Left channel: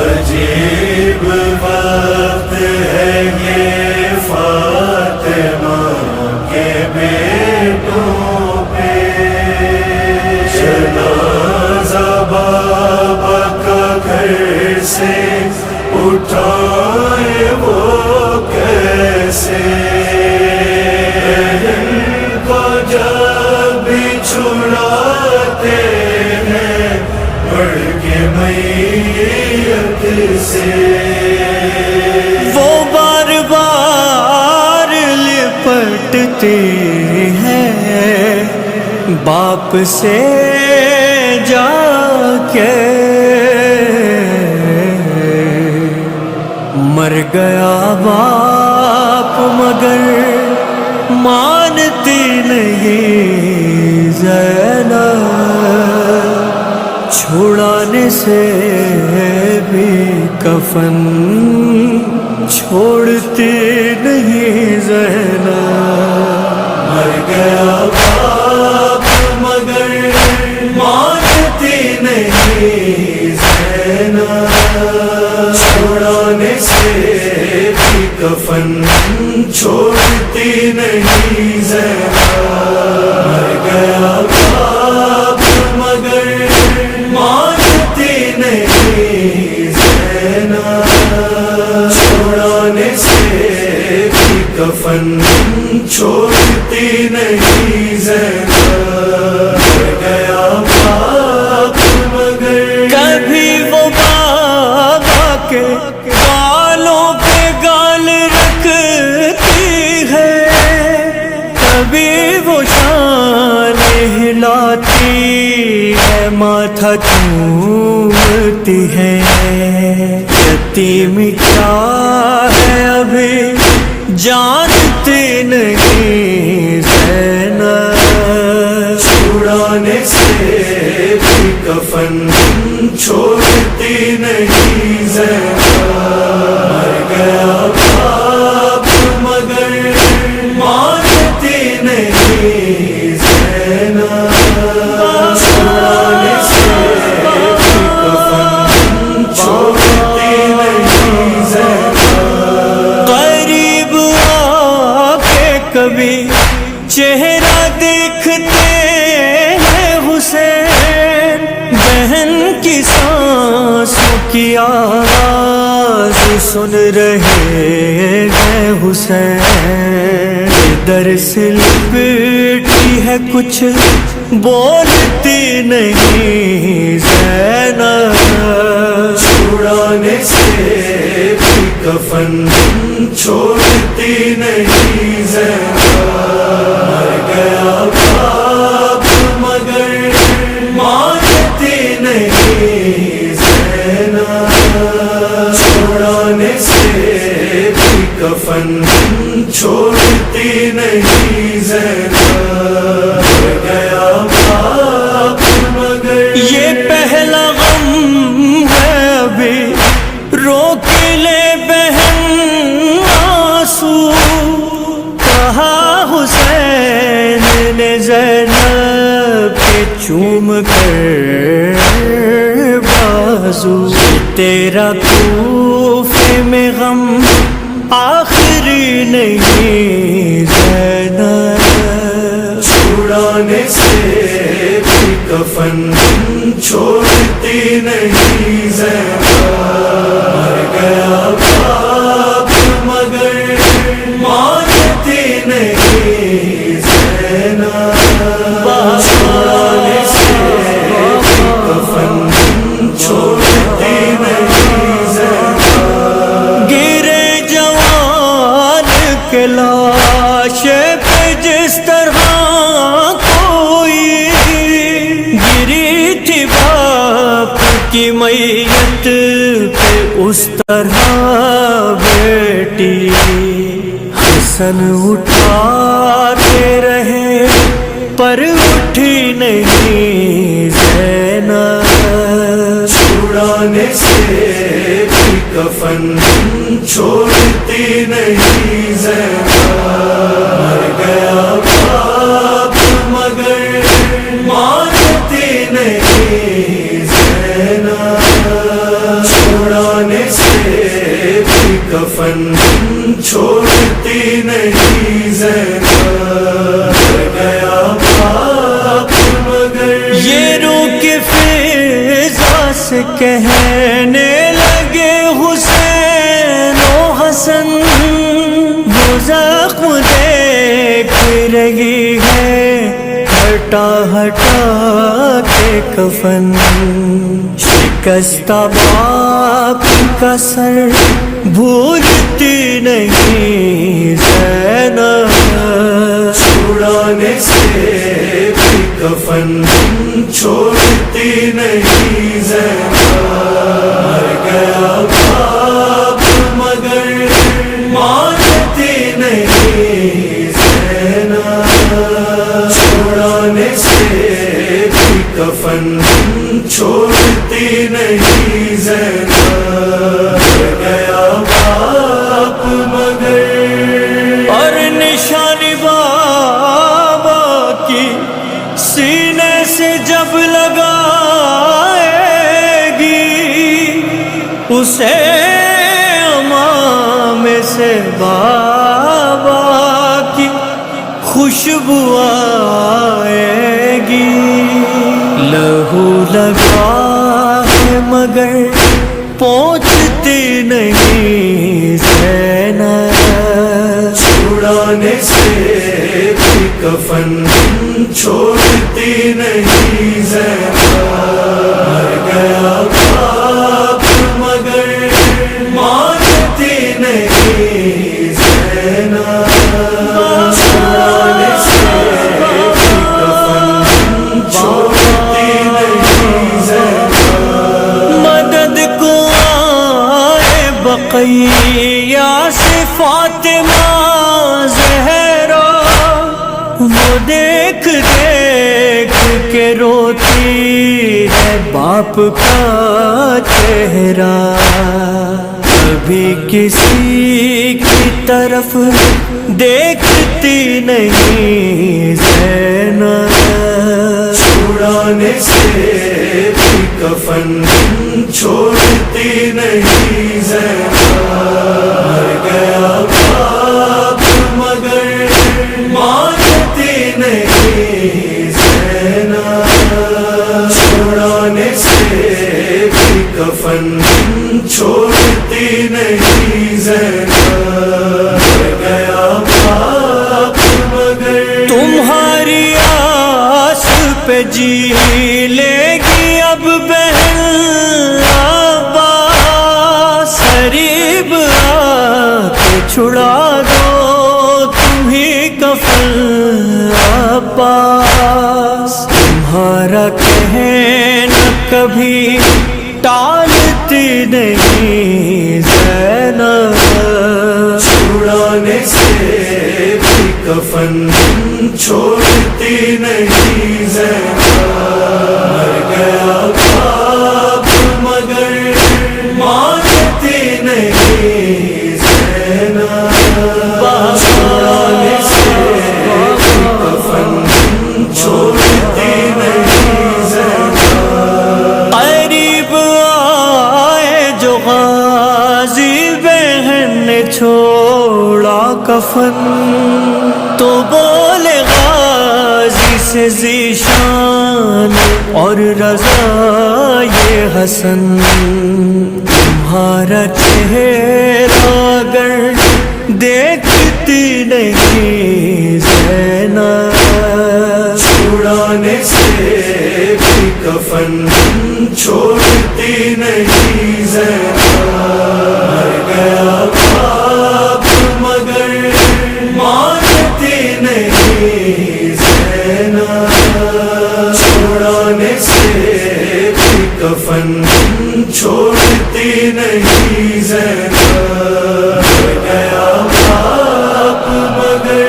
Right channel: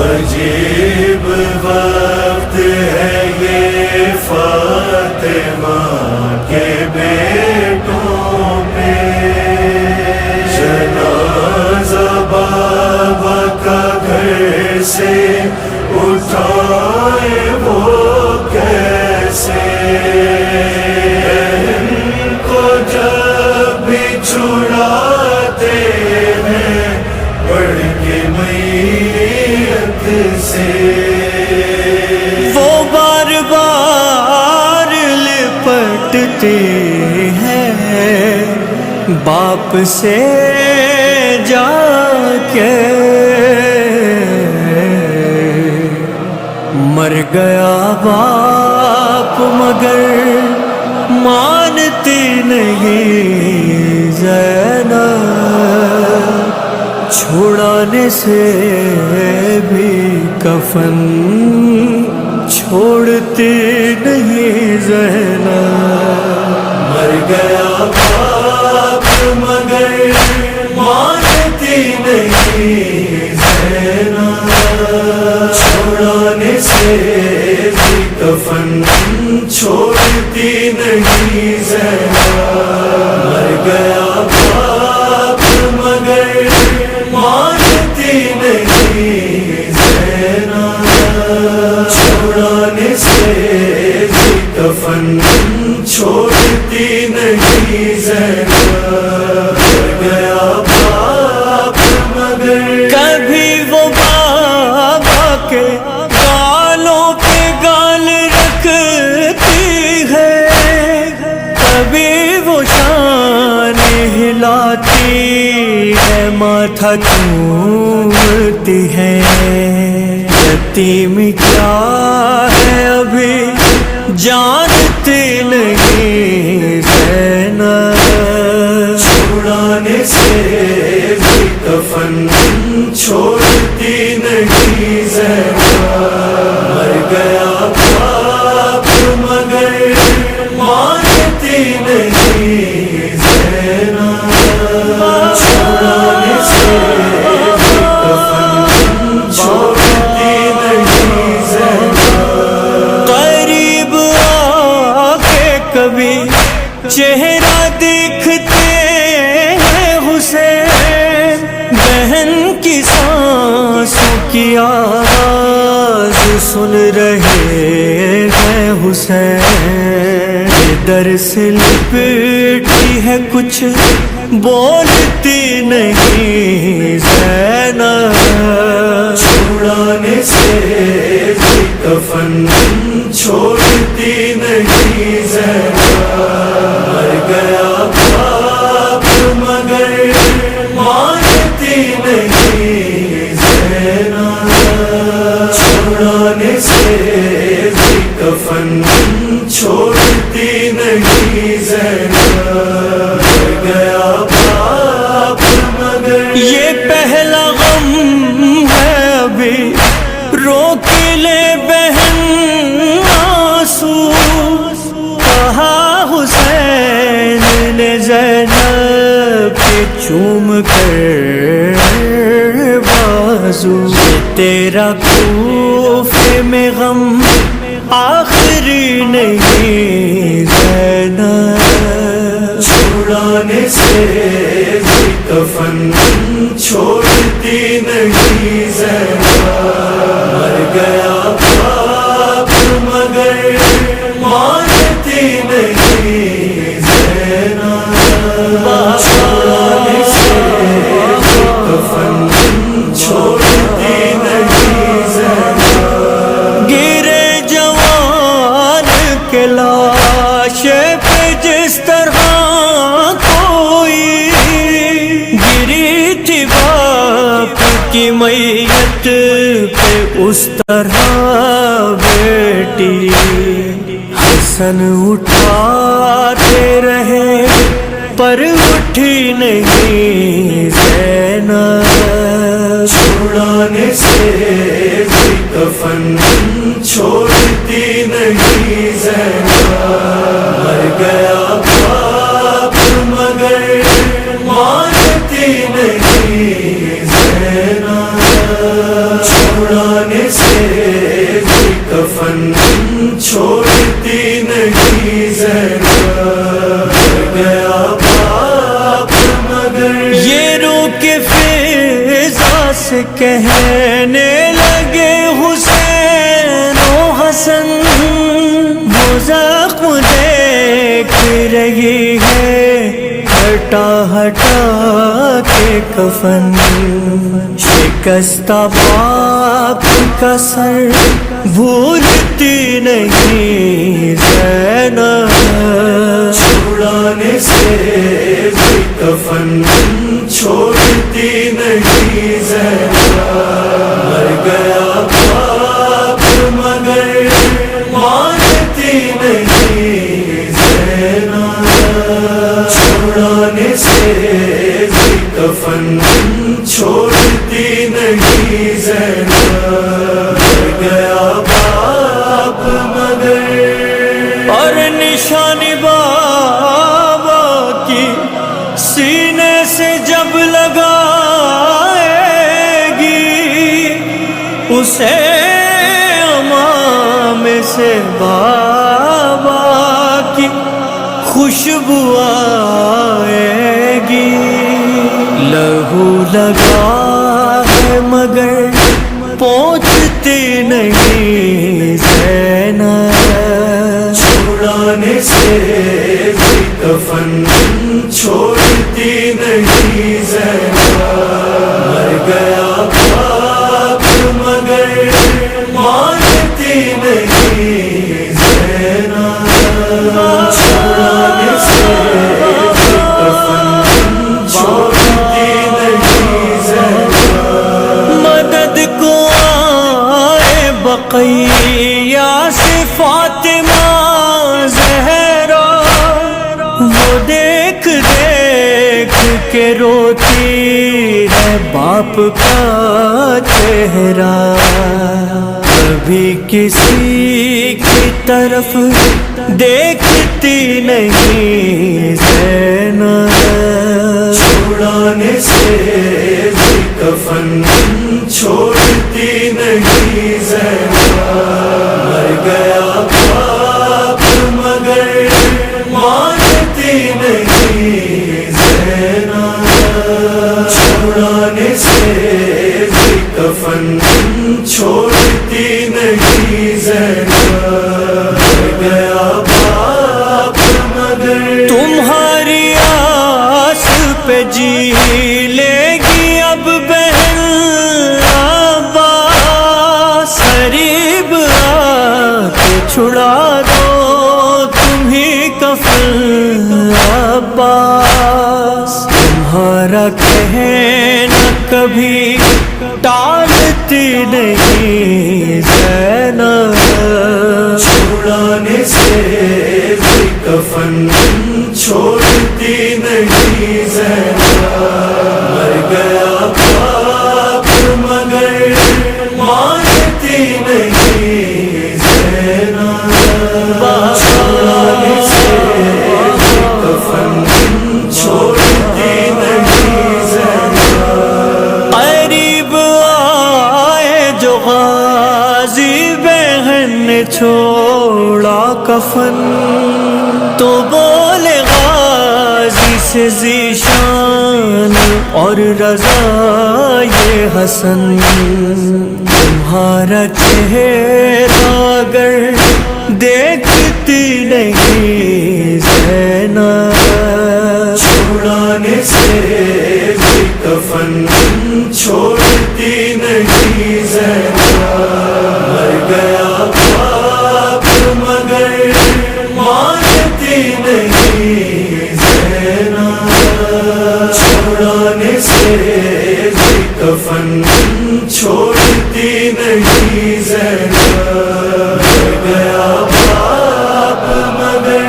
عجیب وقت ہے یہ فاطمہ کے بیٹوں پہ، جنازہ بابا کا گھر سے اٹھائے وہ کیسے، بہن کو جب بھی چھڑاتے ہیں بڑھ کے میت سے، وہ بار بار لپٹتے ہیں باپ سے جا کے، مر گیا باپ مگر مانتی نہیں زینب، چھڑانے سے بھی کفن چھوڑتی نہیں زینب، مر گیا باپ مگر مانتی نہیں زینب، چھڑانے سے بھی کفن چھوڑتی نہیں زینب، مر گیا باپ مگر مانتی نہیں زینب، چھڑانے سے بھی کفن چھوڑتی نہیں زینب، مر گیا باپ مگر، کبھی وہ بابا کے گالوں پہ گال رکھتی ہے، کبھی وہ شان ہلاتی ہے ماتھا چومتی ہے، یتیم کیا ہے ابھی جانتی نہیں زینب، چھڑانے سے بھی کفن چھوڑتی نہیں زینب، مر گیا باپ مگر مانتی نہیں زینب، چھڑانے سے بھی کفن چھوڑتی نہیں زینب، قریب آ کے کبھی چہرہ دیکھتے ہیں حسین، بہن کی سانسوں کی آواز سن رہے ہیں حسین، ادھر سے لپٹی ہے کچھ بولتی نہیں زینب، چھڑانے سے بھی کفن چھوڑتی نہیں زینب، مر گیا باپ مگر مانتی نہیں زینب، چھڑانے سے بھی کفن چھوڑتی نہیں زینب، مر گیا باپ مگر، یہ پہلا غم ہے ابھی روک لے بہن آنسو، کہا حسین نے زینب کے چوم کر بازو، یہ تیرا کوفے میں غم آخری نہیں زینب، چھڑانے سے بھی کفن چھوڑتی نہیں زینب، مر گیا باپ مگر مانتی نہیں زینب، چھڑانے سے بھی کفن چھوڑتی نہیں زینب، گرے جوان کے لاش پہ جس طرح کوئی گری تھی باپ کی میت پہ اس طرح بیٹی، حسن اٹھاتے رہے پر اٹھی نہیں زینب، چھڑانے سے بھی کفن چھوڑتی نہیں زینب، مر گیا باپ مگر مانتی نہیں زینب، چھڑانے سے بھی کفن چھوڑتی نہیں زینب، مر گیا باپ مگر یہ رو کے فضا سے کہنے لگے حسین و حسن، وہ زخم دیکھ رہی ہے ہٹا ہٹا کے کفن، شکستہ باپ کا سر بھولتی نہیں زینب، چھڑانے سے بھی کفن چھوڑتی نہیں زینب، مر گیا باپ مگر مانتی نہیں زینب، چھڑانے سے بھی کفن چھوڑتی نہیں زینب، مر گیا باپ مگر اور نشانی بابا کی سینے سے جب لگائے گی، اسے امام سے بابا کی خوشبو آئے گی، لہو لگا ہے مگر پہنچتی نہیں زینب، چھڑانے سے بھی کفن چھوڑتی نہیں زینب، مر گیا باپ مگر مانتی نہیں زینب، چھڑانے سے بھی کفن چھوڑتی نہیں زینب، مدد کو آئے بقیہ سے فاطمہ زہرا، وہ دیکھ دیکھ کے روتی ہے باپ کا چہرہ، کبھی کسی کی طرف دیکھتی نہیں زینب، چھڑانے سے بھی کفن چھوڑتی نہیں زینب، مر گیا باپ مگر مانتی نہیں زینب، چھڑانے سے بھی کفن چھوڑتی نہیں زینب، مر گیا باپ مگر تمہاری آس پہ جی لے گی اب بہن عباس، قریب آ کے چھڑا دو تمہیں کفن عباس، تمہارا کہنا کبھی ٹالتی نہیں زینب، چھڑانے سے بھی کفن چھوڑتی نہیں زینب، مر گیا باپ مگر مانتی نہیں زینب، چھڑانے سے بھی کفن چھوڑتی نہیں زینب، قریب آئے جو غازی بہن نے چھوڑا کفن، تو بولے غازی سے ذیشان اور رضا یہ حسن، تمہارا چہرہ اگر دیکھتی نہیں زینب، چھڑانے سے بھی کفن چھوڑتی نہیں زینب، مر گیا باپ مگر مانتی نہیں زینب، چھڑانے سے بھی کفن چھوڑتی نہیں زینب، مر گیا باپ مگر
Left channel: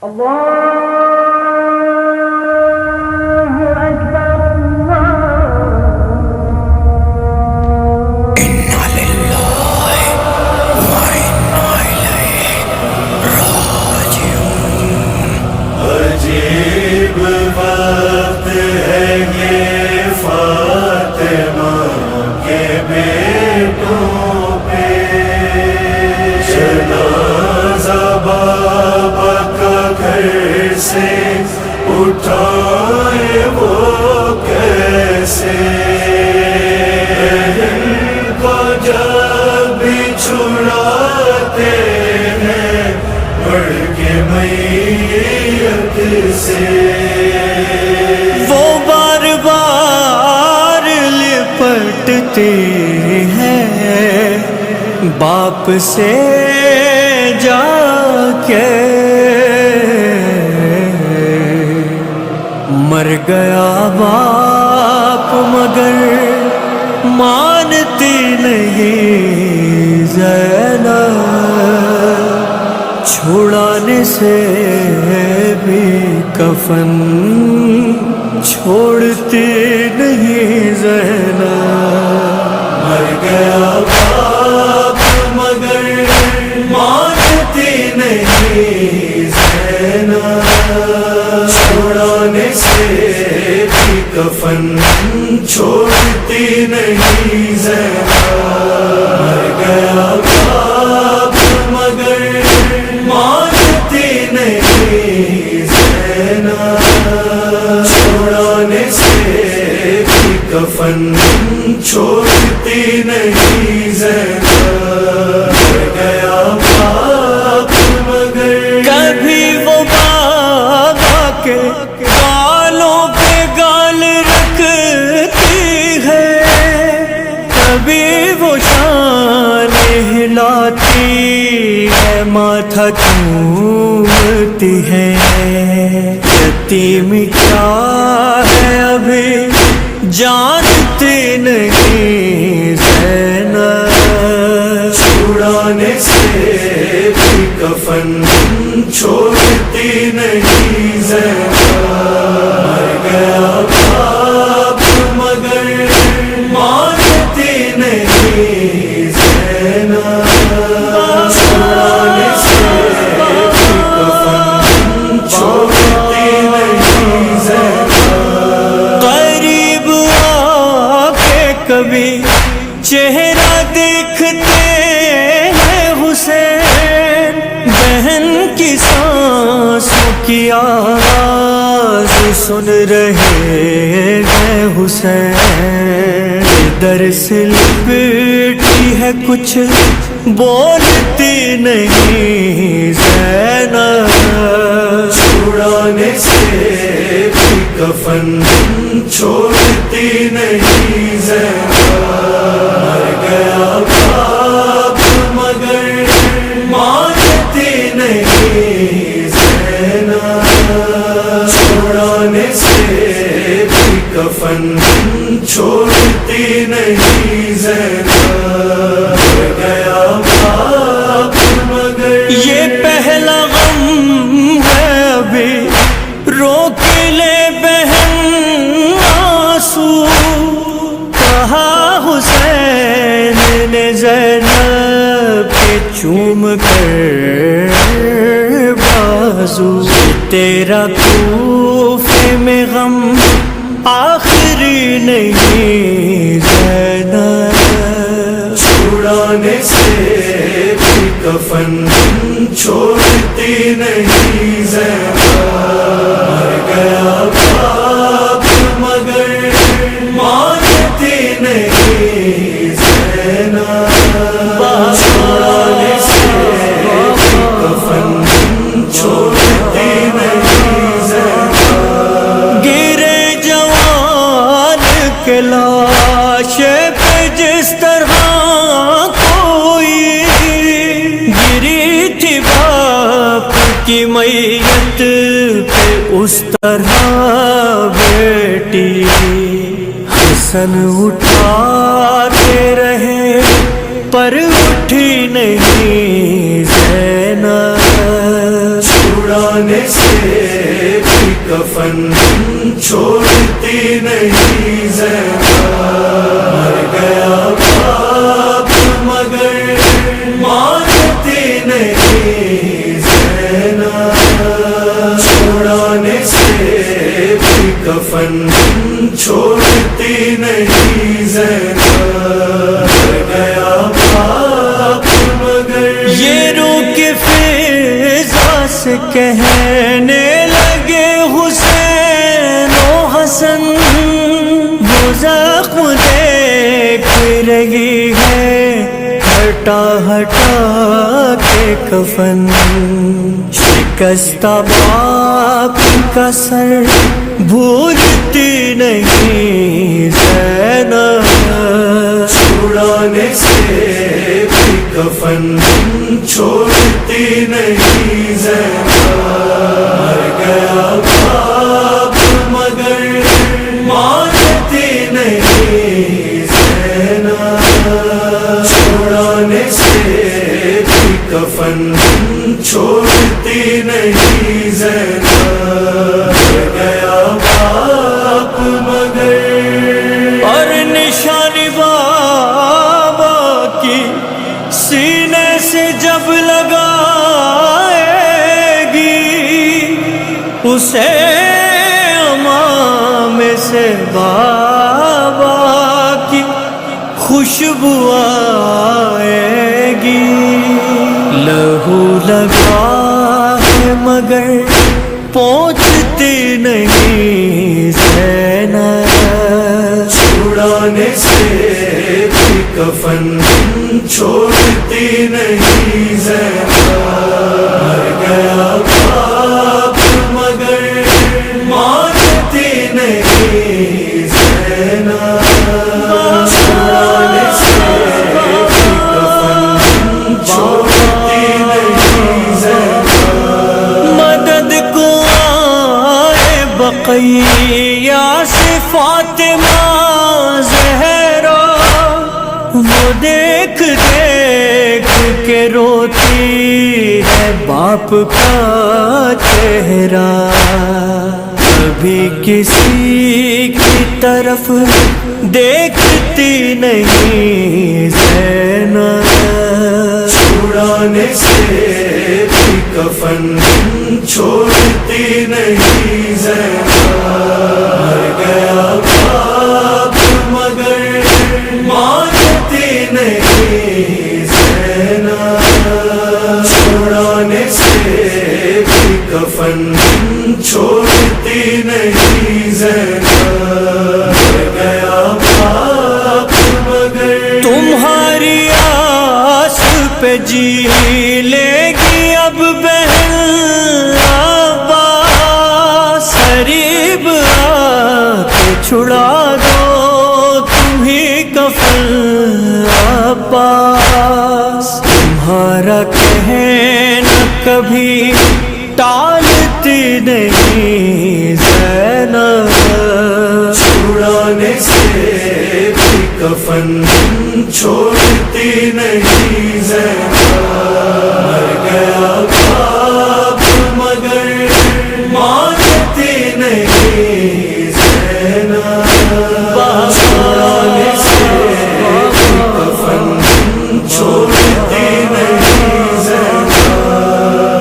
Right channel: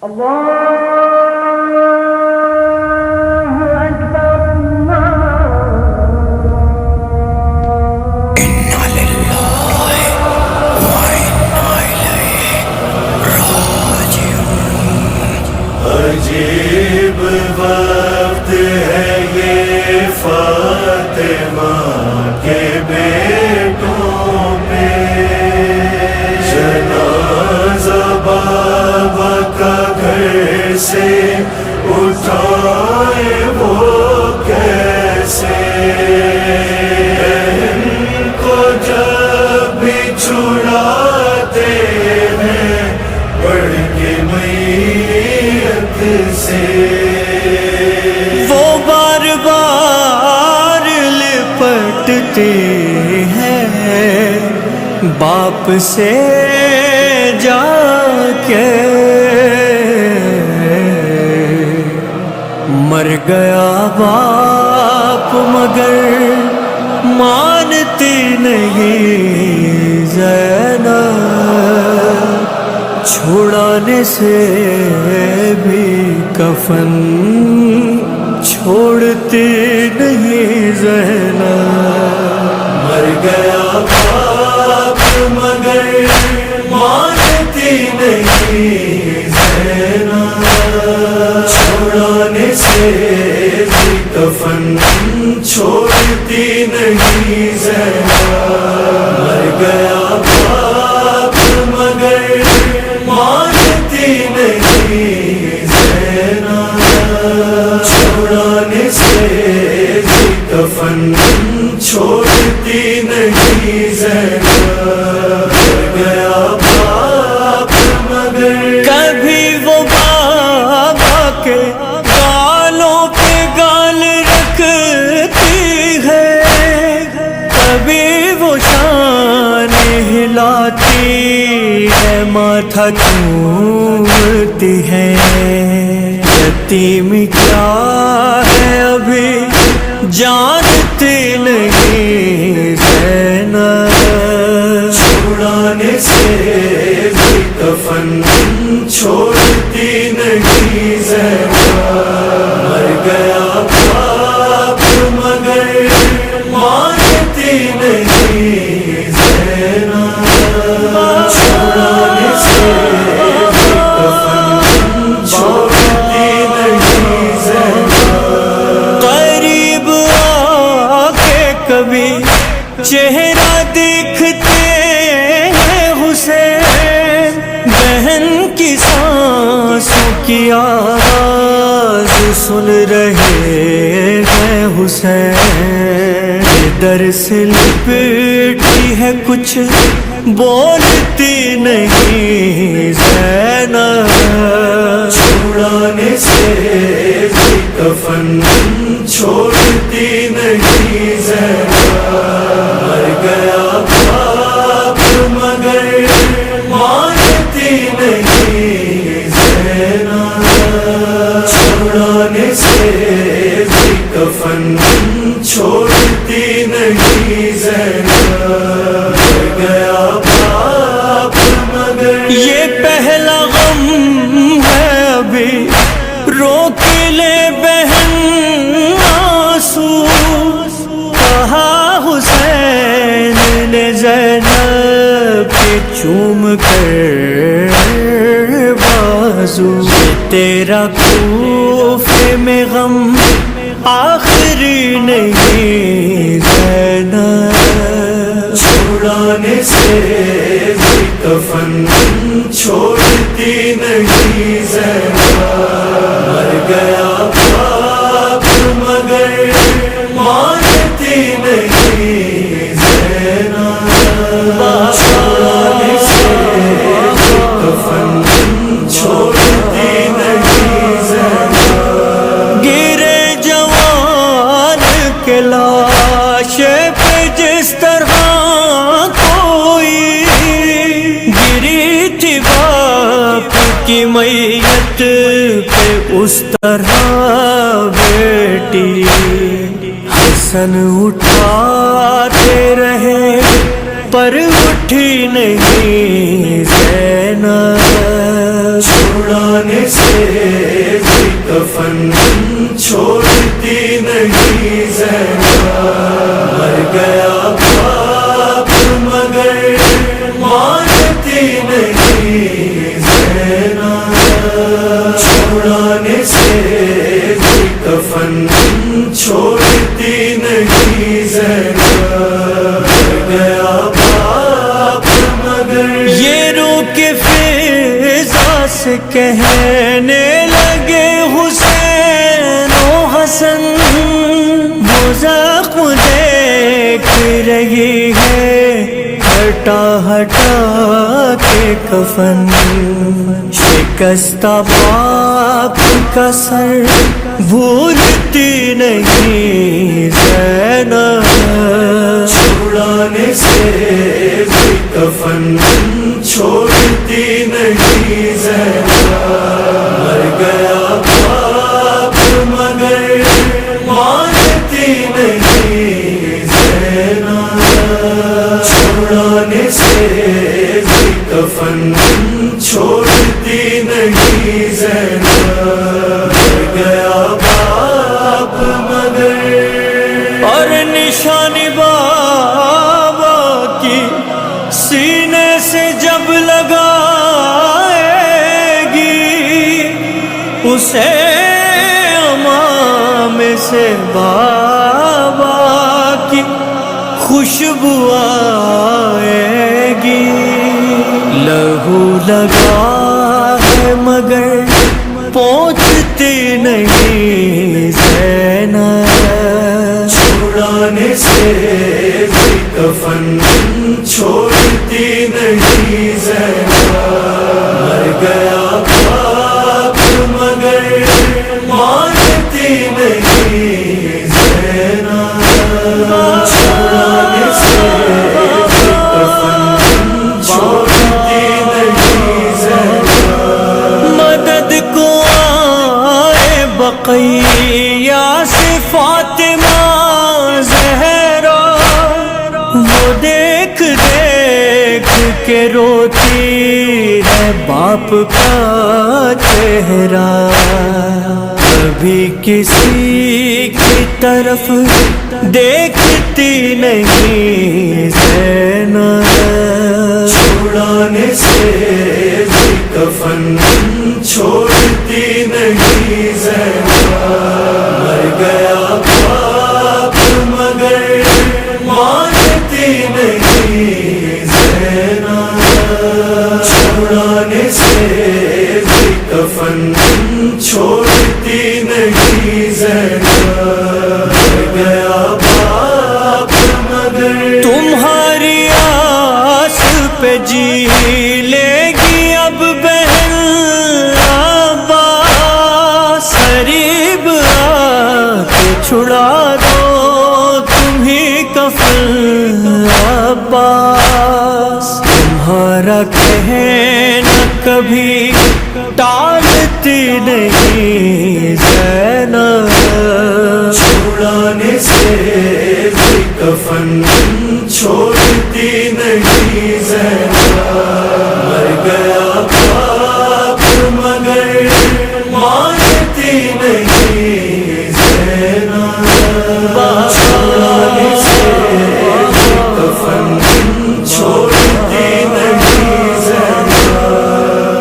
عجیب وقت ہے یہ فاطمہ کے بیٹوں پہ، جنازہ بابا کا گھر سے اٹھائے وہ کیسے، بہن کو جب بھی چھڑاتے ہیں پڑھ کے میت سے، وہ بار بار لپٹتے ہیں باپ سے جا کے، مر گیا باپ مگر مانتی نہیں زینب، چھڑانے سے بھی کفن چھوڑتی نہیں زینب، مر گیا باپ مگر مانتی نہیں زینب، چھڑانے سے بھی کفن چھوڑتی نہیں زینب، مر گیا باپ مگر مانتی نہیں زینب، چھڑانے سے بھی کفن چھوڑتی نہیں زینب، مر گیا باپ مگر، کبھی وہ بابا کے گالوں پہ گال رکھتی ہے، کبھی وہ شان ہلاتی ہے، ماتھا چومتی ہے، یتیم کیا ہے ابھی جانتی نہیں زینب، چھڑانے سے بھی کفن چھوڑتی نہیں زینب، مر گیا باپ مگر مانتی نہیں زینب، چھڑانے سے بھی کفن چھوڑتی نہیں زینب، قریب آ کے کبھی چہرہ دیکھتے ہیں حسین، بہن کی سانسوں کی آواز سن رہے ہیں حسین، ادھر سے لپٹی ہے کچھ بولتی نہیں زینب، چھڑانے سے بھی کفن چھوڑتی نہیں زینب، مر گیا باپ مگر مانتی نہیں زینب، چھڑانے سے بھی کفن چھوڑتی نہیں زینب، مر گیا باپ مگر، یہ پہلا غم ہے ابھی روک لے بہن آنسو، کہا حسین نے زینب کے چوم کر بازو، یہ تیرا کوفے میں غم آخری نہیں زینب، چھڑانے سے بھی کفن چھوڑتی نہیں زینب، مر گیا باپ مگر مانتی نہیں زینب، چھڑانے سے بھی کفن چھوڑتی نہیں زینب، گرے جوان کے لاش پہ جس طرح کوئی گری تھی باپ کی میت پہ، اس طرح بیٹی حسن اٹھاتے رہے پر اٹھی نہیں زینب، چھڑانے زینب مر گیا باپ مگر مانتی نہیں زینب چھڑانے سے بھی کفن چھوڑتی نہیں زینب مر گیا باپ مگر یہ رو کے فضا سے کہنے لگے حسین و حسن وہ زخم دیکھ رہی ہے ہٹا ہٹا کے کفن شکستہ باپ کا سر بھولتی نہیں زینب چھڑانے سے بھی کفن چھوڑتی نہیں زینب مر گیا باپ مگر مانتی نہیں زینب چھڑانے سے بھی کفن چھوڑتی نہیں زینب مر گیا باپ مگر اور نشانی بابا کی سینے سے جب لگائے گی اسے امام سے بابا کی خوشبو آئے گی لہو لگا ہے مگر پہنچتی نہیں زینب چھڑانے سے بھی کفن چھوڑتی نہیں زینب مر گیا باپ مگر مانتی نہیں زینب چھڑانے سے بھی کفن چھوڑتی نہیں زینب مدد کو آئے بقیہ سے فاطمہ زہرا وہ دیکھ دیکھ کے روتی ہے باپ کا چہرہ کبھی کسی کی طرف دیکھتی نہیں زینب چھڑانے سے بھی کفن چھوڑتی نہیں زینب مر گیا باپ مگر مانتی نہیں زینب چھڑانے سے بھی کفن چھوڑتی نہیں زینب مر گیا باپ مگر تمہاری آس پہ جی لے گی اب بہن عباس قریب آ کے چھڑا دو تمہیں کفن عباس تمہارا کہنا کبھی ٹالتی نہیں زینب چھڑانے سے بھی کفن چھوڑتی نہیں زینب مر گیا باپ مگر مانتی نہیں زینب چھڑانے سے بھی کفن چھوڑتی نہیں زینب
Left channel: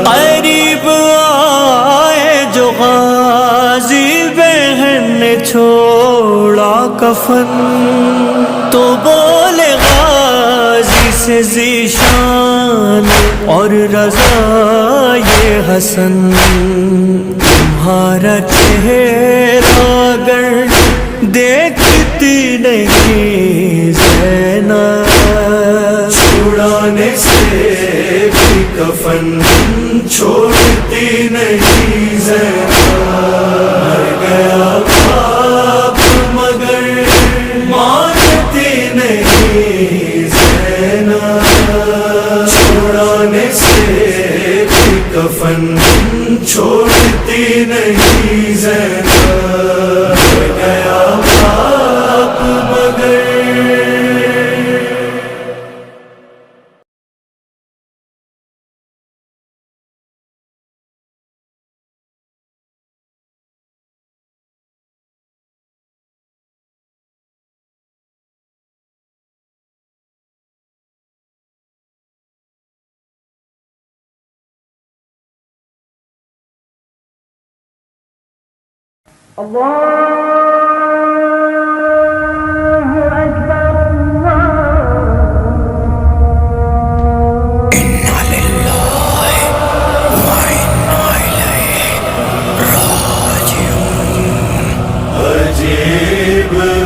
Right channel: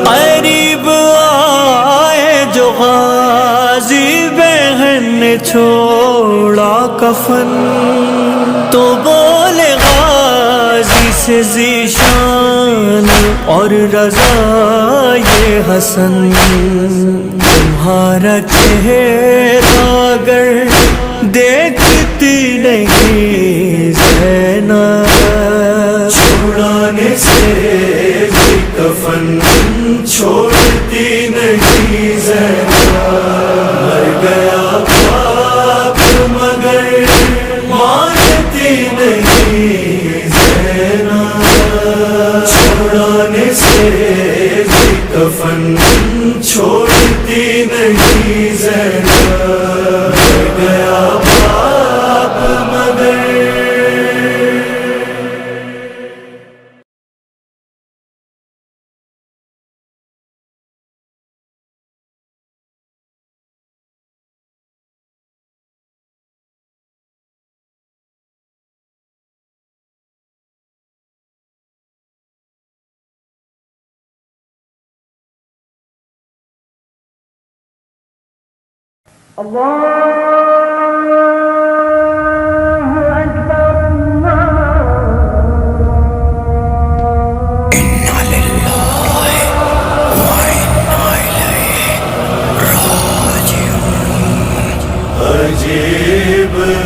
قریب آئے جو غازی بہن نے چھوڑا کفن تو بولے غازی سے ذیشان اور رضا یہ حسن تمہارا چہرہ اگر دیکھتی نہیں زینب چھڑانے سے بھی کفن چھوڑتی نہیں زینب مر گیا باپ مگر مانتی نہیں زینب چھڑانے سے بھی کفن چھوڑتی نہیں زینب مر گیا باپ مگر عجیب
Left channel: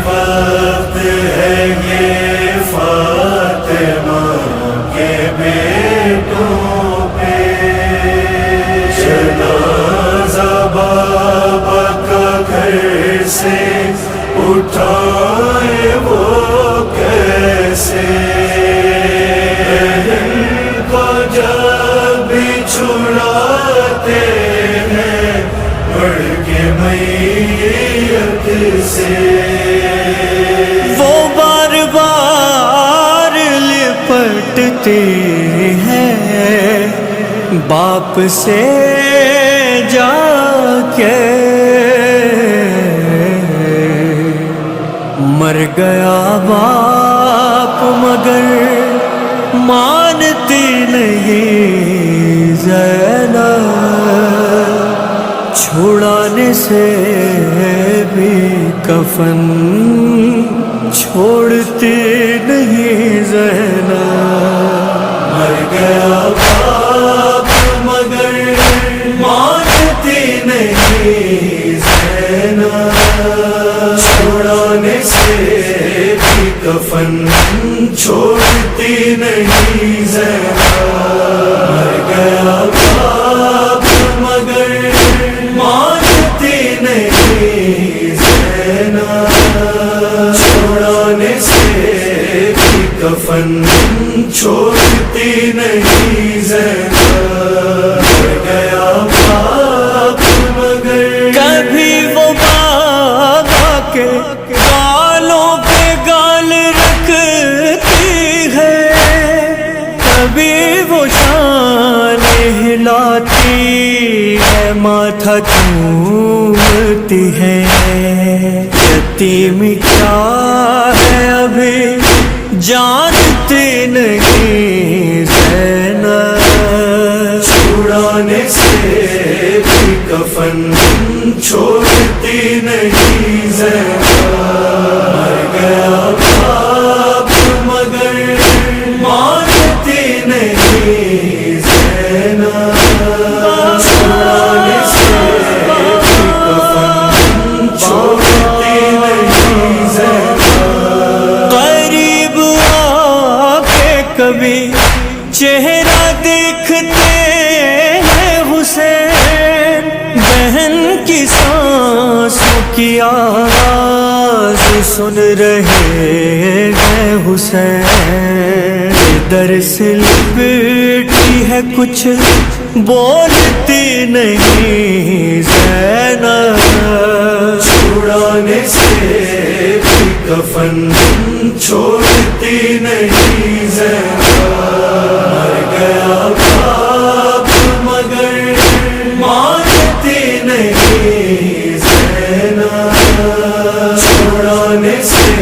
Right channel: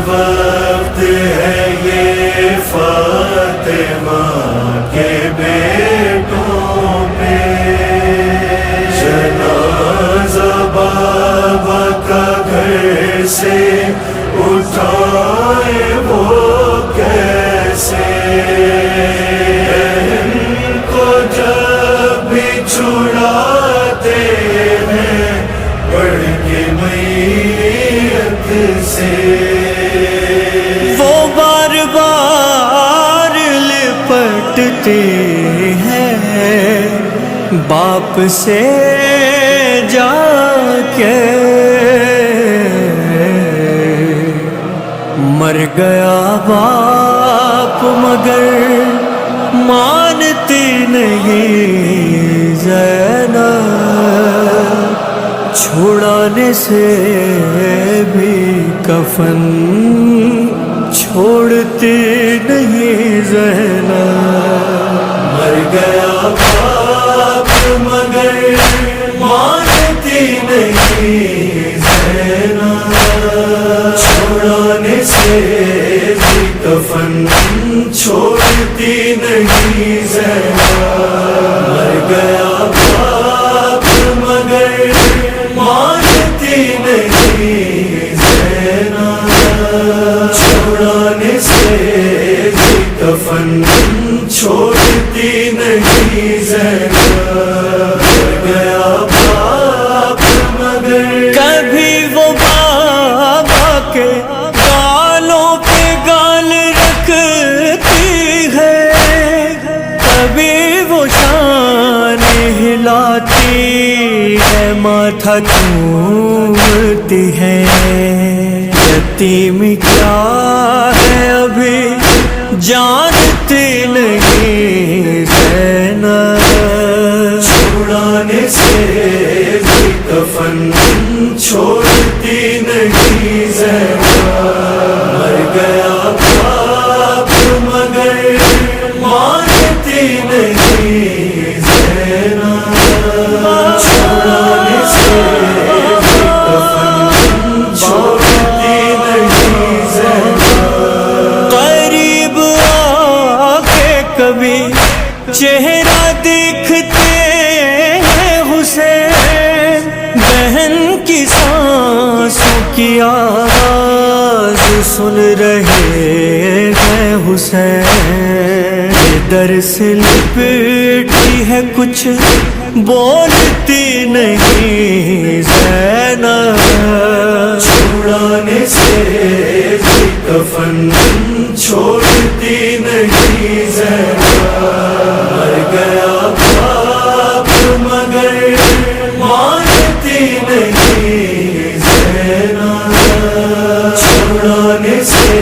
وقت ہے یہ فاطمہ کے بیٹوں پہ، جنازہ بابا کا گھر سے اٹھائے وہ کیسے، ان کو جب بھی چھڑاتے ہیں پڑھ کے میت سے، وہ بار بار لپٹتے ہیں باپ سے جا کے، مر گیا باپ مگر مانتی نہیں زینب، چھڑانے سے بھی کفن چھوڑتی نہیں زینب، مر گیا باپ مگر مانتی نہیں زینب، چھڑانے سے بھی کفن چھوڑتی نہیں زینب، مر گیا باپ مگر مانتی نہیں زینب، چھڑانے سے بھی کفن چھوڑتی نہیں زینب، مر گیا باپ مگر، کبھی وہ بابا کے گالوں پہ گال رکھتی ہے، کبھی وہ شان ہلاتی ہے، ماتھا چومتی ہے، یتیم کیا ہے ابھی جانتی نہیں زینب، چھڑانے سے بھی کفن چھوڑتی نہیں زینب، مر گیا باپ مگر مانتی نہیں زینب، چھڑانے سے بھی کفن چھوڑتی نہیں زینب، قریب آ کے کبھی چہرہ دیکھتے ہیں حسین، بہن کی سانسوں کی آواز سن رہے ہیں حسین، ادھر سے لپٹی ہے کچھ بولتی نہیں زینب، چھڑانے سے بھی کفن چھوڑتی نہیں زینب، مر گیا باپ مگر مانتی نہیں زینب، چھڑانے سے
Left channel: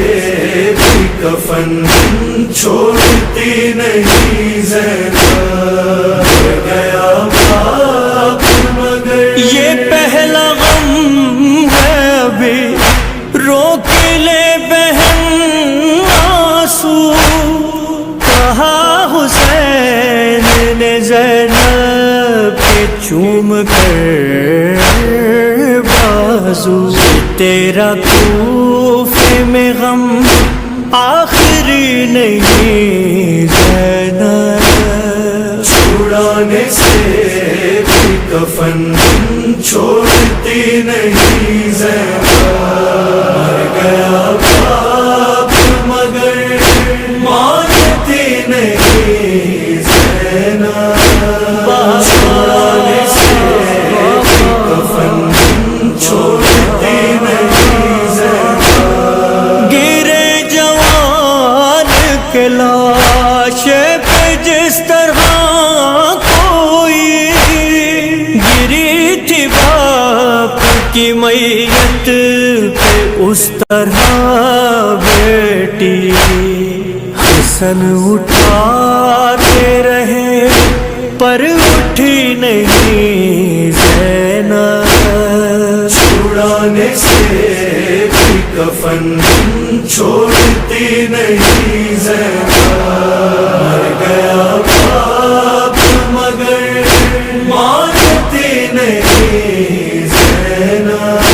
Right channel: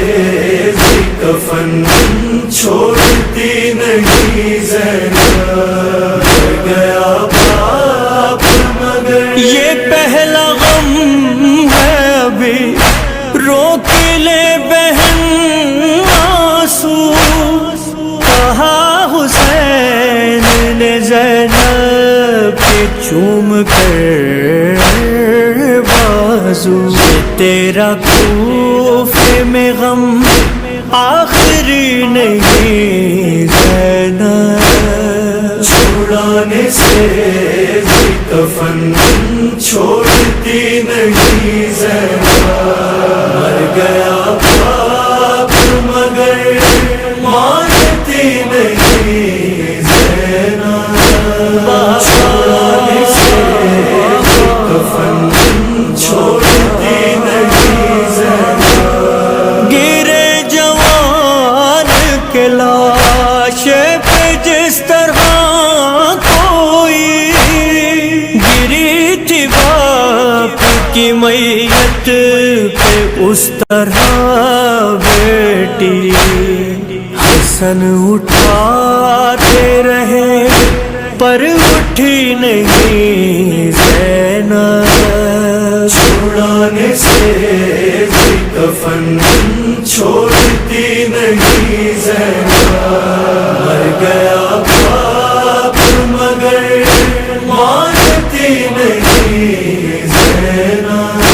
بھی کفن چھوڑتی نہیں زینب، مر گیا باپ مگر، یہ پہلا غم ہے ابھی روک لے بہن آنسو، کہا حسین نے زینب کے چوم کر بازو، یہ تیرا کوفے میں غم آخری نہیں زینب، چھڑانے سے بھی کفن چھوڑتی نہیں زینب، مر گیا باپ مگر مانتی نہیں زینب، چھڑانے سے بھی کفن چھوڑتی نہیں زینب، گرے جوان کے لاش پہ جس طرح کوئی گری تھی باپ کی میت پہ، اس طرح بیٹی حسن اٹھاتے رہے پر اٹھی نہیں زینب، چھڑانے سے بھی کفن چھوڑتی نہیں زینب، مر گیا باپ مگر مانتی نہیں زینب،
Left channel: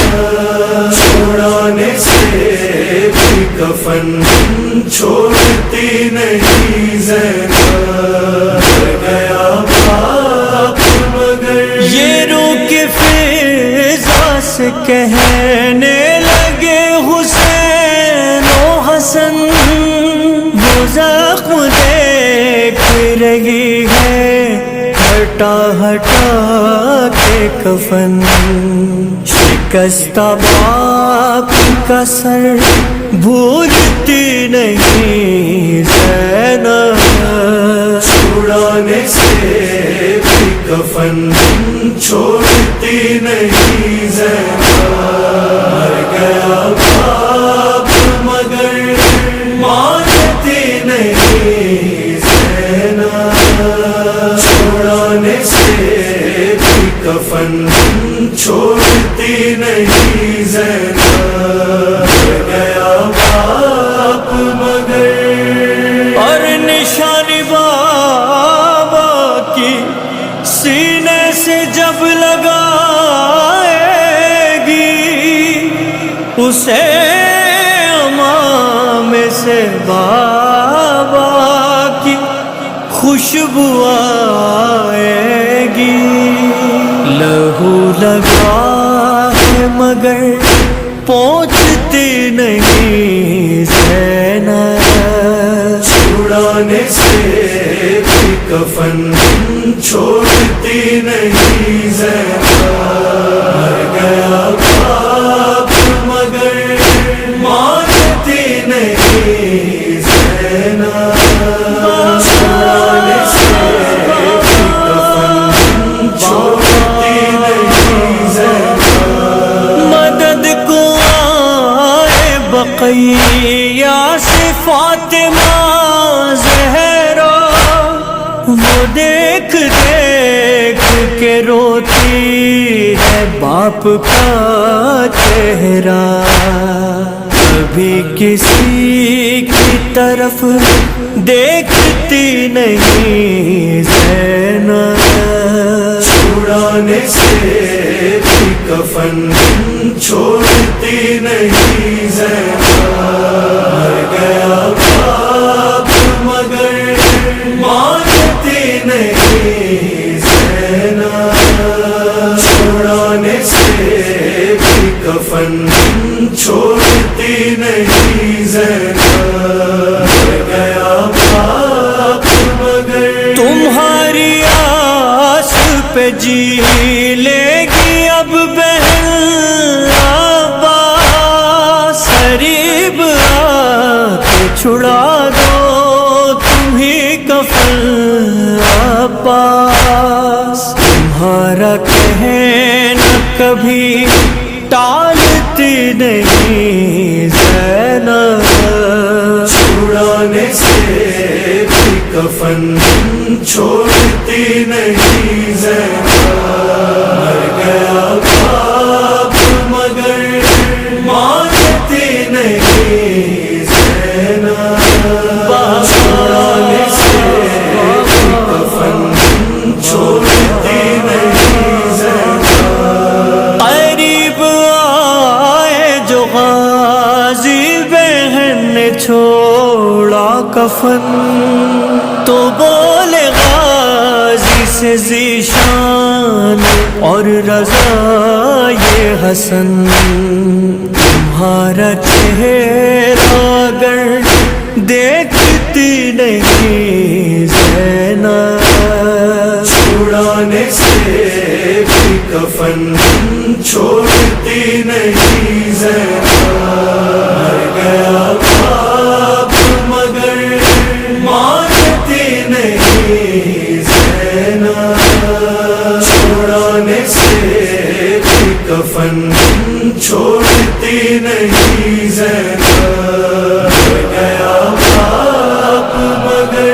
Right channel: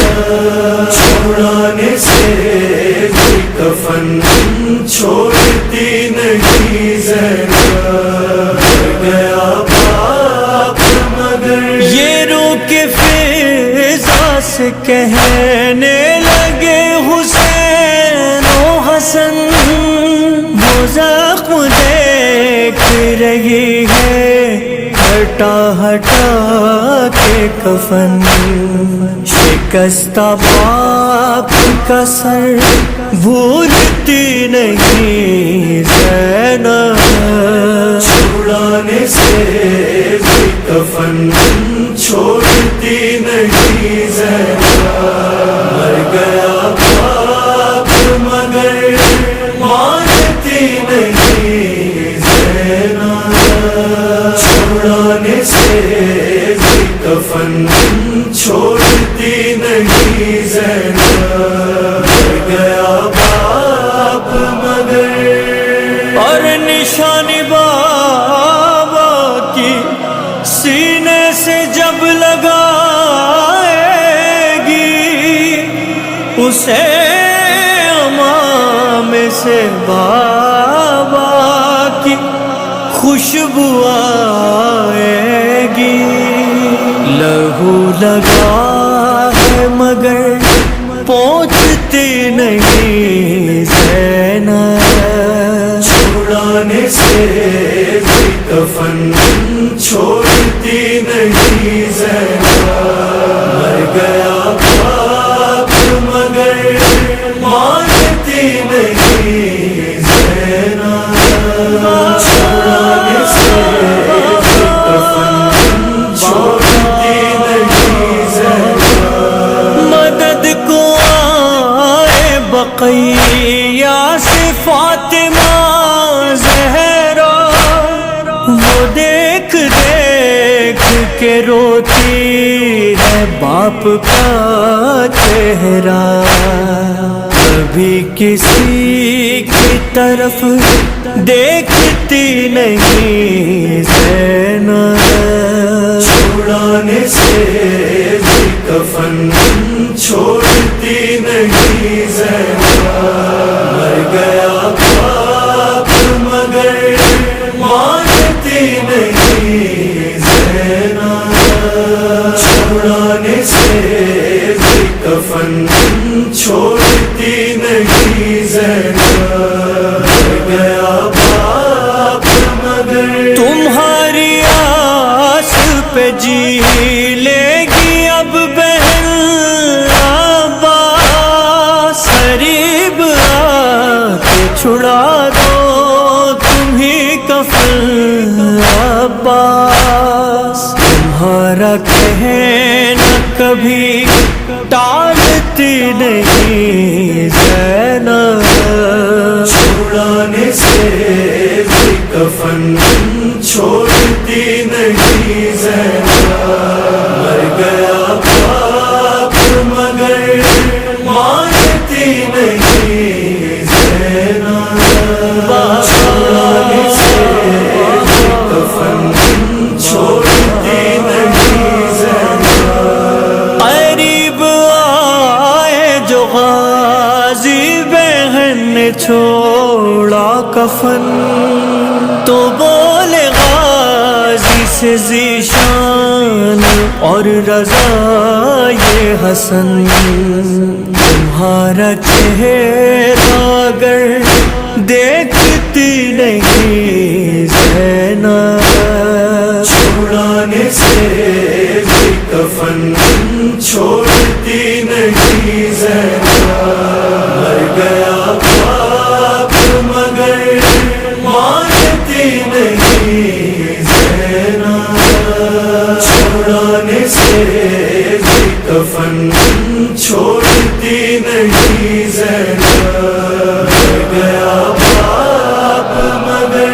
چھڑانے سے بھی کفن چھوڑتی نہیں زینب، مر گیا باپ مگر یہ رو کے فضا سے کہنے لگے حسین و حسن، وہ زخم دیکھ رہی ہے ہٹا ہٹا کے کفن، شکستہ باپ کا سر بھولتی نہیں زینب، چھڑانے سے بھی کفن چھوڑتی نہیں زینب، مر گیا باپ مگر مانتی نہیں زینب، چھڑانے سے بھی کفن چھوڑتی نہیں زینب، مر گیا باپ مگر اور نشانی بابا کی سینے سے جب لگائے گی، اسے امام سے بابا کی خوشبو آئے گی، لہو لگا ہے مگر پہنچتی نہیں زینب، چھڑانے سے بھی کفن چھوڑتی نہیں زینب، مر گیا باپ مگر مانتی نہیں زینب، چھڑانے سے بھی کفن چھوڑتی نہیں زینب، مدد کو آئے بقیہ سے فاطمہ زہرا، وہ دیکھ دیکھ کے روتی ہے باپ کا چہرہ، کبھی کسی کی طرف دیکھتی نہیں زینب، چھڑانے سے بھی کفن چھوڑتی نہیں زینب، مر گیا باپ مگر مانتی نہیں زینب، چھڑانے سے بھی کفن چھوڑتی نہیں زینب، مر گیا باپ مگر تمہاری آس پہ جی لے گی اب بہن عباس، قریب آ کے چھڑا دو تمہیں کفن عباس، تمہارا کہنا کبھی ٹالتی نہیں زینب، چھڑانے سے بھی کفن چھوڑتی نہیں زینب، مر گیا باپ مگر مانتی نہیں زینب، چھڑانے سے بھی کفن چھوڑتی نہیں زینب، قریب آئے جو غازی بہن نے چھوڑا کفن، تو بولے غازی سے ذیشان اور رضا یہ حسن، تمہارا چہرہ اگر دیکھتی نہیں زینب، چھڑانے سے بھی کفن چھوڑتی نہیں زینب، مر گیا باپ مگر مانتی نہیں زینب، چھڑانے سے بھی کفن چھوڑتی نہیں زینب، مر گیا باپ مگر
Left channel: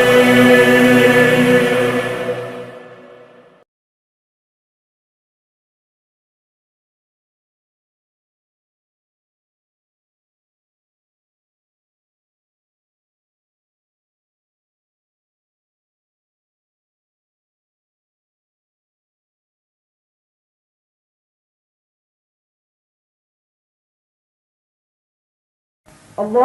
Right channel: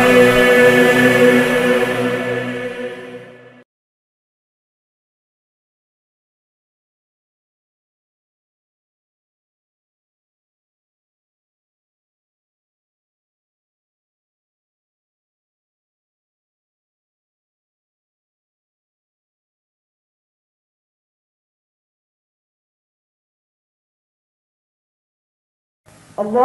عجیب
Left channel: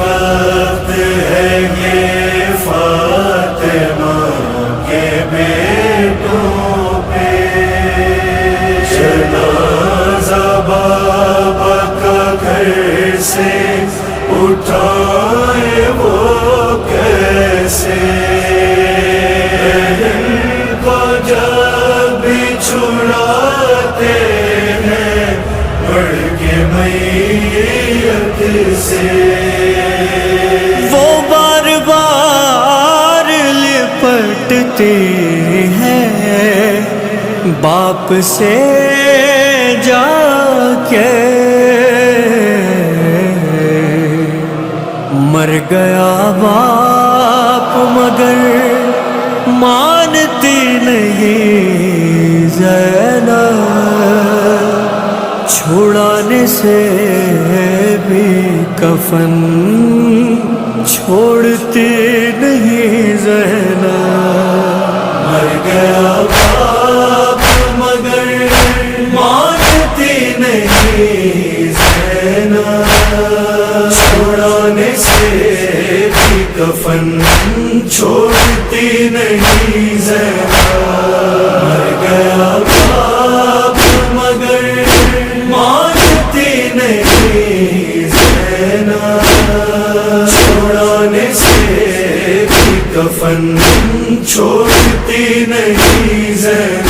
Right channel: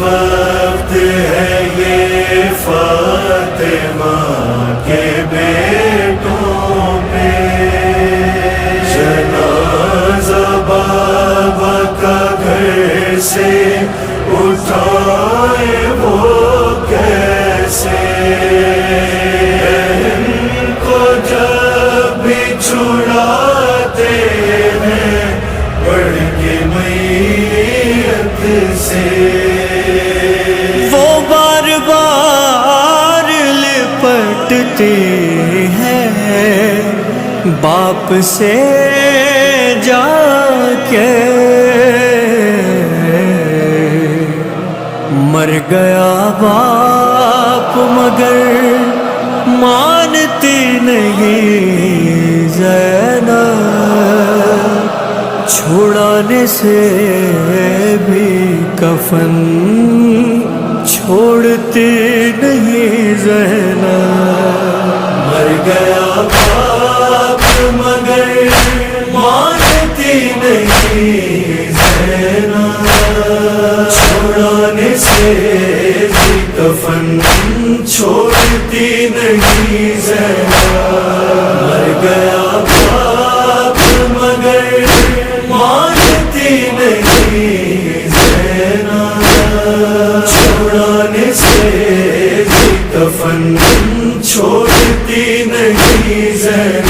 وقت ہے یہ فاطمہ کے بیٹوں پہ، جنازہ بابا کا گھر سے اٹھائے وہ کیسے، بہن کو جب بھی چھڑاتے ہیں بڑھ کے میت سے، وہ بار بار لپٹتے ہیں باپ سے جا کے، مر گیا باپ مگر مانتی نہیں زینب، چھڑانے سے بھی کفن چھوڑتی نہیں زینب، مر گیا باپ مگر مانتی نہیں زینب، چھڑانے سے بھی کفن چھوڑتی نہیں زینب، مر گیا باپ مگر مانتی نہیں زینب، چھڑانے سے بھی کفن چھوڑتی نہیں زینب،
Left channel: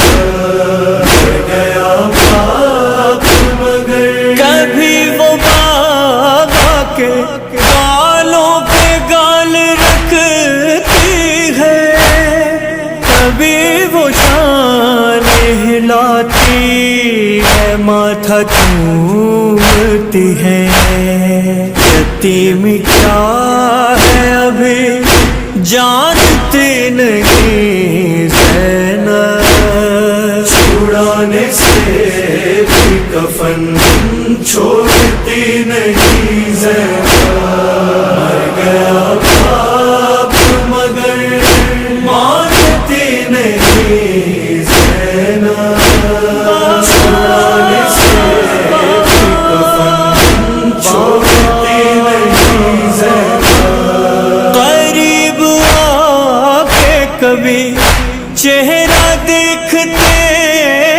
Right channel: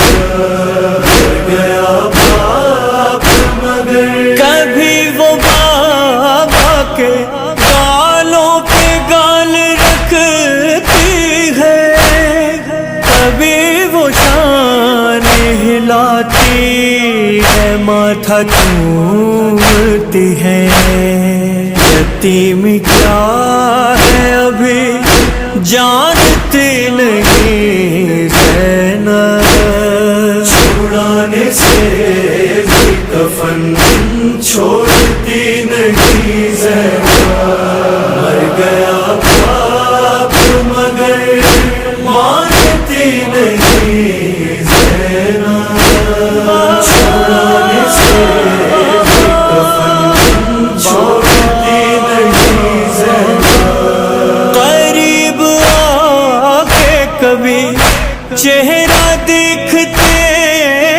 مر گیا باپ مگر، کبھی وہ بابا کے گالوں پہ گال رکھتی ہے، کبھی وہ شان ہلاتی ہے ماتھا چومتی ہے، یتیم کیا ہے ابھی جانتی نہیں زینب، چھڑانے سے بھی کفن چھوڑتی نہیں زینب، مر گیا باپ مگر مانتی نہیں زینب، چھڑانے سے بھی کفن چھوڑتی نہیں زینب، قریب آ کے کبھی چہرہ دیکھتے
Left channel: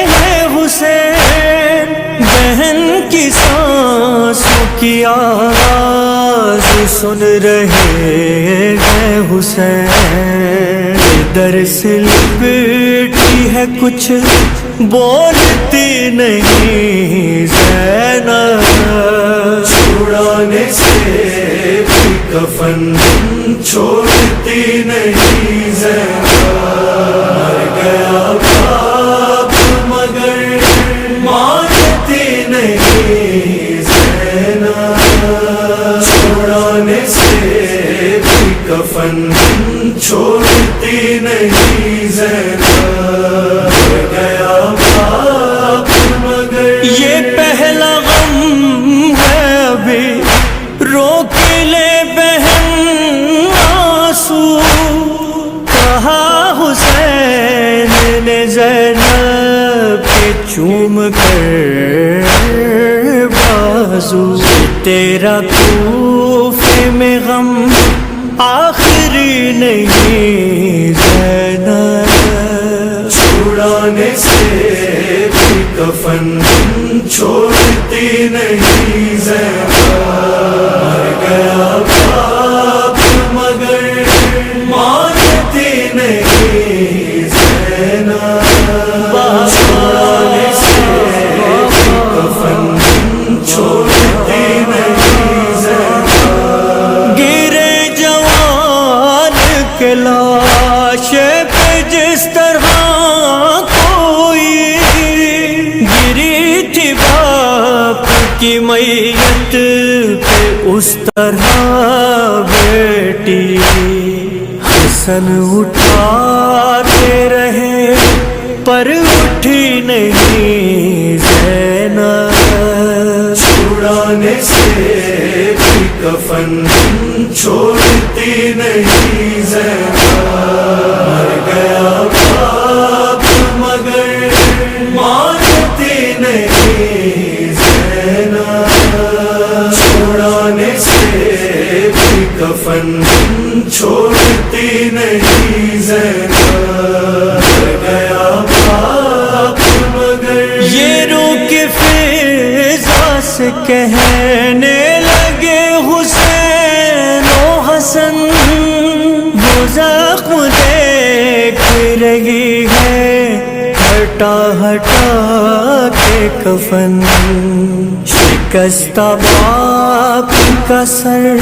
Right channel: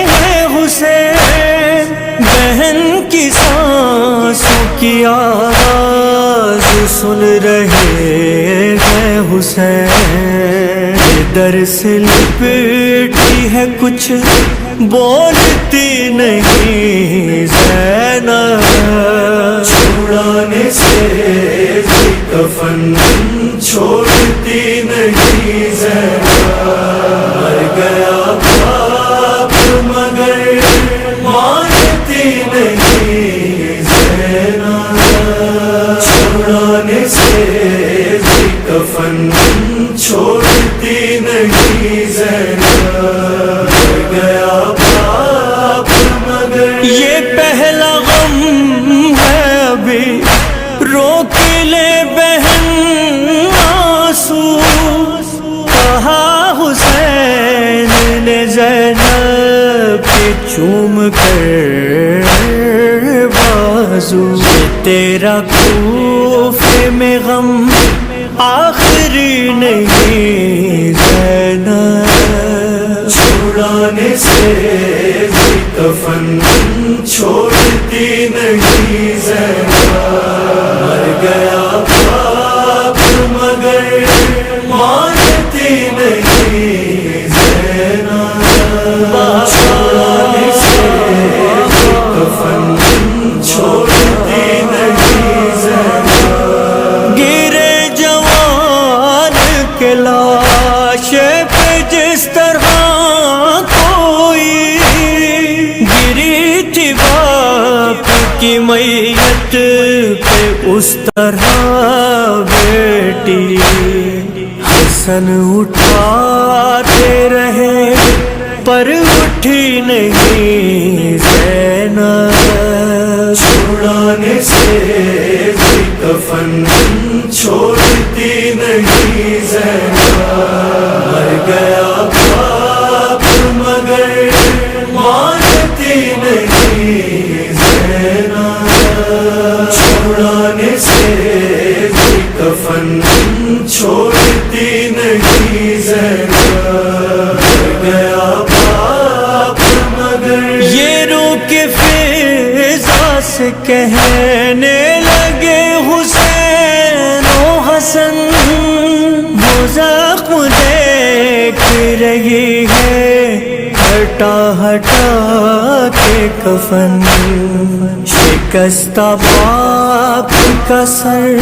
ہیں حسین، بہن کی سانسوں کی آواز سن رہے ہیں حسین، ادھر سے لپٹی ہے کچھ بولتی نہیں زینب، چھڑانے سے بھی کفن چھوڑتی نہیں زینب، مر گیا باپ مگر مانتی نہیں زینب، چھڑانے سے بھی کفن چھوڑتی نہیں زینب، مر گیا باپ مگر، یہ پہلا غم ہے ابھی روک لے بہن آنسو، کہا حسین نے زینب کے چوم کر بازو، یہ تیرا کوفے میں غم آخری نہیں زینب، چھڑانے سے بھی کفن چھوڑتی نہیں زینب، مر گیا باپ مگر مانتی نہیں زینب، چھڑانے سے بھی کفن چھوڑتی نہیں زینب، گرے جوان کے لاش پہ جس طرح کوئی گری تھی باپ کی میت پہ اس طرح بیٹی، حسن اٹھاتے رہے پر اٹھی نہیں زینب، چھڑانے سے بھی کفن چھوڑتی نہیں زینب، مر گیا باپ مگر مانتی نہیں زینب، چھڑانے سے بھی کفن چھوڑتی نہیں زینب، مر گیا باپ مگر۔ یہ رو کے فضا سے کہنے لگے حسین و حسن، وہ زخم دیکھ رہی ہے ہٹا ہٹا کے کفن، شکستہ باپ کا سر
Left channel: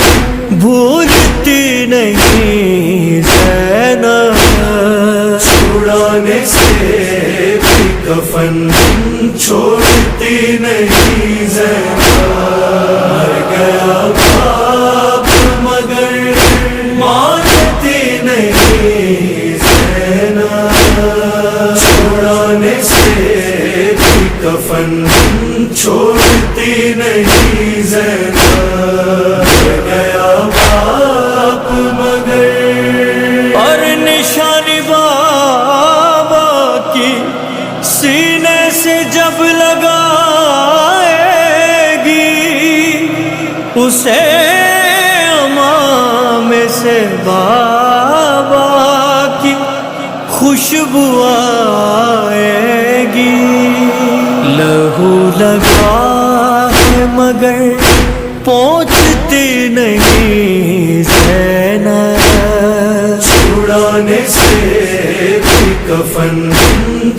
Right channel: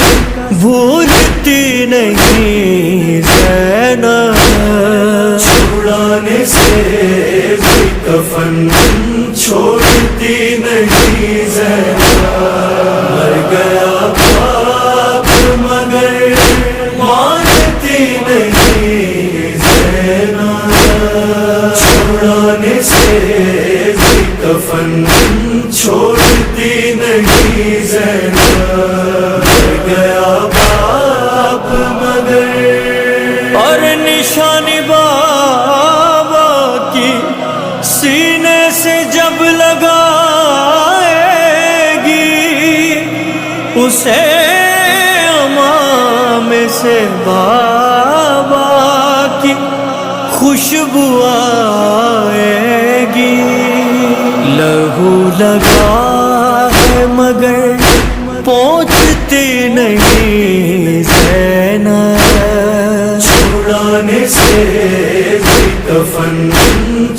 بھولتی نہیں زینب، چھڑانے سے بھی کفن چھوڑتی نہیں زینب، مر گیا باپ مگر مانتی نہیں زینب، چھڑانے سے بھی کفن چھوڑتی نہیں زینب، مر گیا باپ مگر۔ اور نشانی بابا کی سینے سے جب لگائے گی، اسے امام سے بابا کی خوشبو آئے گی، لہو لگا ہے مگر پہنچتی نہیں زینب، چھڑانے سے بھی کفن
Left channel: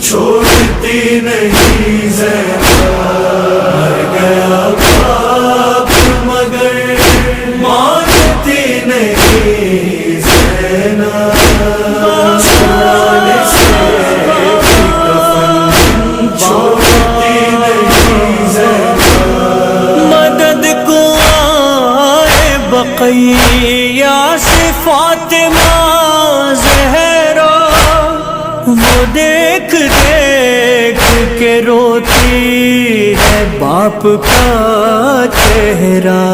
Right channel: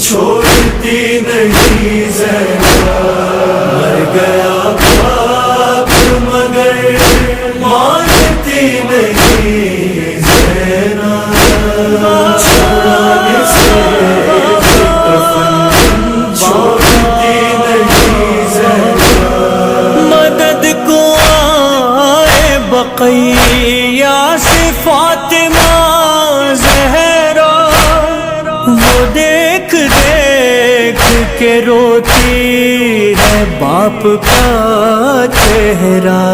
چھوڑتی نہیں زینب، مر گیا باپ مگر مانتی نہیں زینب، چھڑانے سے بھی کفن چھوڑتی نہیں زینب، مدد کو آئے بقیہ سے فاطمہ زہرا، وہ دیکھ دیکھ کے روتی ہے باپ کا چہرہ،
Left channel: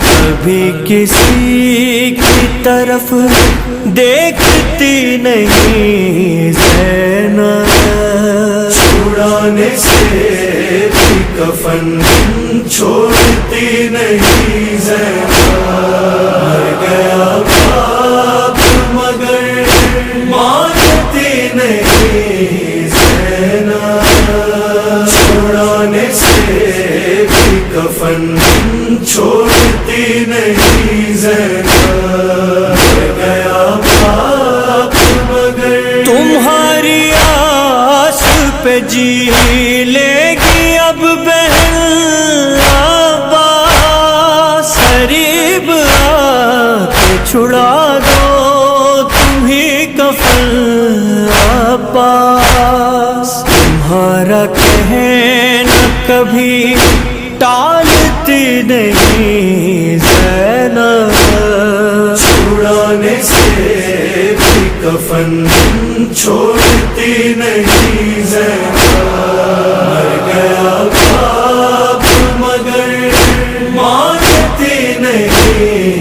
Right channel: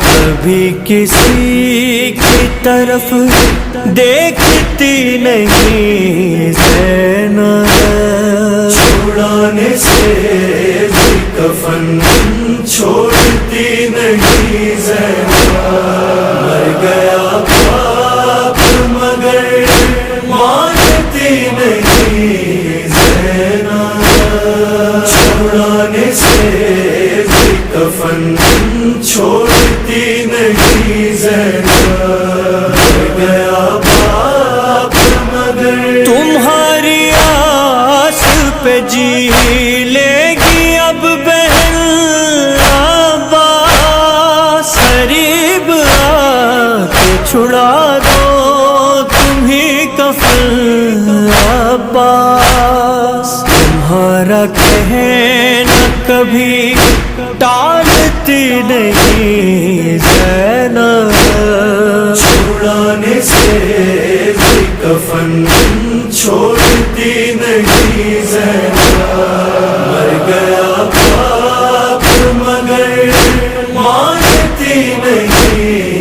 کبھی کسی کی طرف دیکھتی نہیں زینب، چھڑانے سے بھی کفن چھوڑتی نہیں زینب، مر گیا باپ مگر مانتی نہیں زینب، چھڑانے سے بھی کفن چھوڑتی نہیں زینب، مر گیا باپ مگر۔ تمہاری آس پہ جی لے گی اب بہن عباس، قریب آ کے چھڑا دو تمہیں کفن عباس، تمہارا کہنا کبھی ٹالتی نہیں زینب، چھڑانے سے بھی کفن چھوڑتی نہیں زینب، مر گیا باپ مگر مانتی نہیں